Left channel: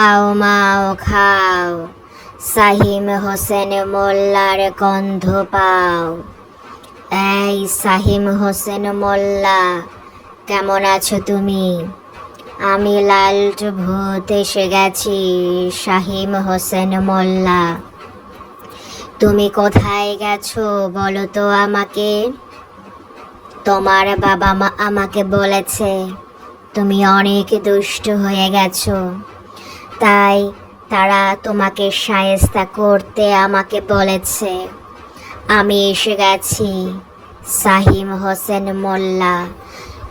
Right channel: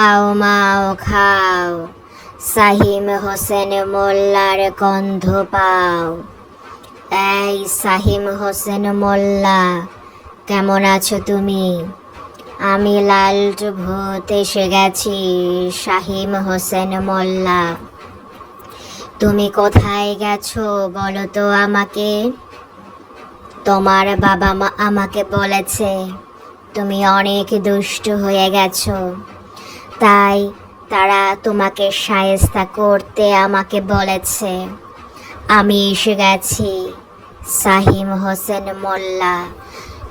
খাও, মাও, খাও। সাহিম হোসেন মোল্লার গন্ধ পাও। এই সাহিম হোসেন মোল্লা, কেমন আছো তুমি? আমি লালটু ভূত এসে গেছি শাহিম হোসেন মোল্লা। তুমি কোথায় গেছো বলো তো আমাকে? তোমার বাবা মা আমাকে বলেছে, তুমি অনেক দুষ্ট হয়ে গেছো। তাই তারা তোমাকে সায়স্তা করতে আমাকে বলেছে। আমি এসে গেছি। সাহিম হোসেন মোল্লা,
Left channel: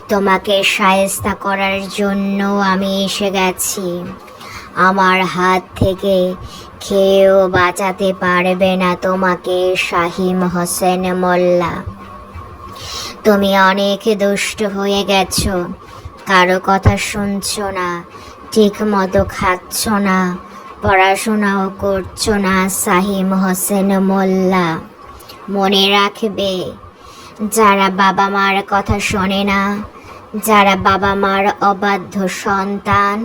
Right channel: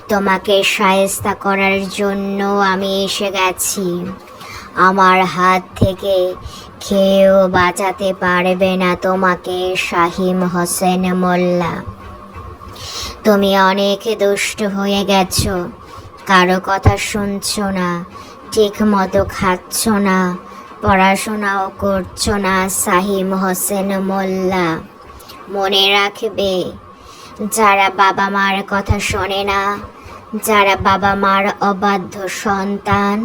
তোমাকে সায়স্তা করার জন্য আমি এসে গেছি। আমার হাত থেকে খেয়েও বাঁচাতে পারবে না তোমাকে শাহিম হোসেন মোল্লা। তুমি অনেক দুষ্ট হয়ে গেছো। কারও কথা শুনছো না। ঠিক মতো খাচ্ছ না, পড়াশোনাও করছ না সাহিম হোসেন মোল্লা। মনে রাখবে, যারা বাবা মার কথা শোনে না, যারা বাবা মার অবাধ্য সন্তান,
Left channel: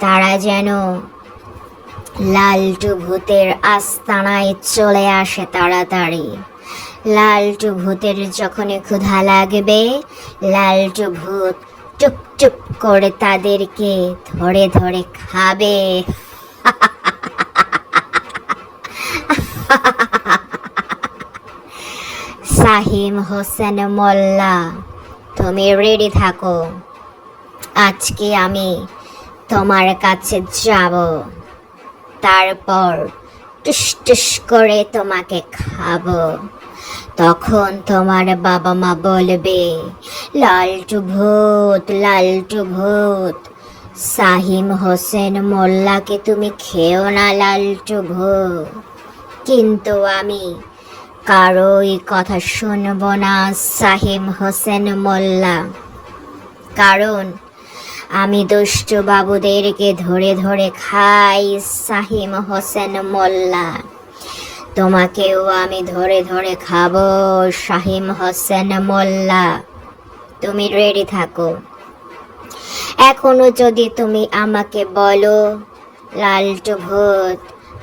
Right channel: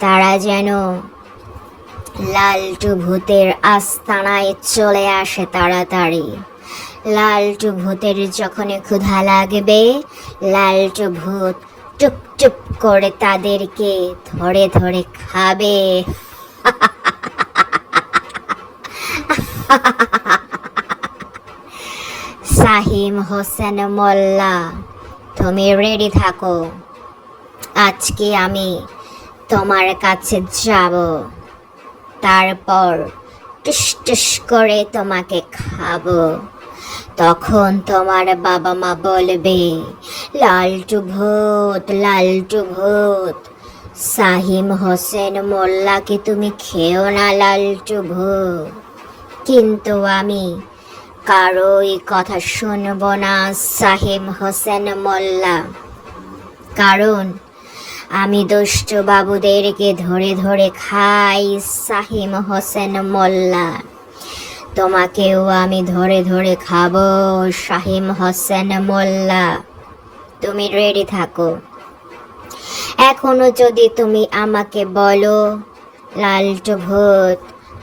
তারা যেন লালটু ভূতের আস্তানায় চলে আসে তাড়াতাড়ি। লালটু ভূতের যখনই ক্ষুধা লাগবে, লালটু ভূত টুপ করে তাদেরকে ধরে ধরে খাবে। সাহিম হোসেন মোল্লা, তুমি রেডি থাকো। আজকে আমি তোমার কাছে যাব। তারপর টুস টুস করে তোমাকে খাব। তখন তোমার বাবা মা বলবে লালটু ভূত লালটু ভূত সাহিম হোসেন মোল্লাকে তুমি খেও না লালটু ভূত কিন্তু আমি কারোই কথা শুনব না, সাহিম হোসেন মোল্লা। কারণ আমি দুষ্ট বাবুদেরকে ধরে ধরে খাই, সাহিম হোসেন মোল্লা। তোমাকেও আমি ধরে ধরে খাব, শাহিম হোসেন মোল্লা। তুমি রেডি থাকো। এখনও যদি তুমি আমাকে বলো, লালটু ভূত,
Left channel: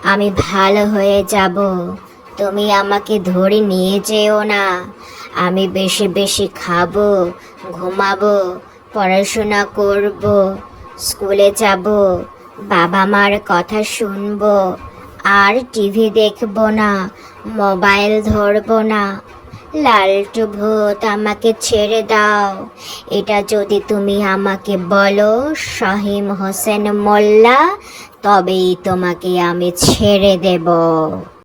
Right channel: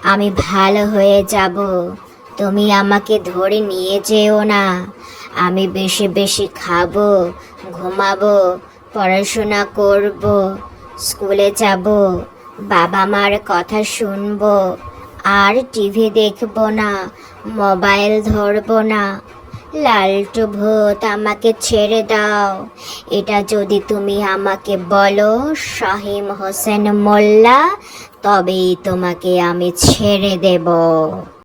আমি ভালো হয়ে যাব। তুমি আমাকে ধরে নিয়ে যেও না। আমি বেশি বেশি খাব, ঘুমাবো, পড়াশোনা করব, স্কুলে যাব, বাবা মার কথা শুনব। আর টিভি দেখব না, মোবাইল ধরব না। লালটু ভূত, আমাকে ছেড়ে দাও। এটা যদি তুমি আমাকে বলো, শাহিম হোসেন মোল্লা, তবেই তোমাকে আমি ছেড়ে দেব।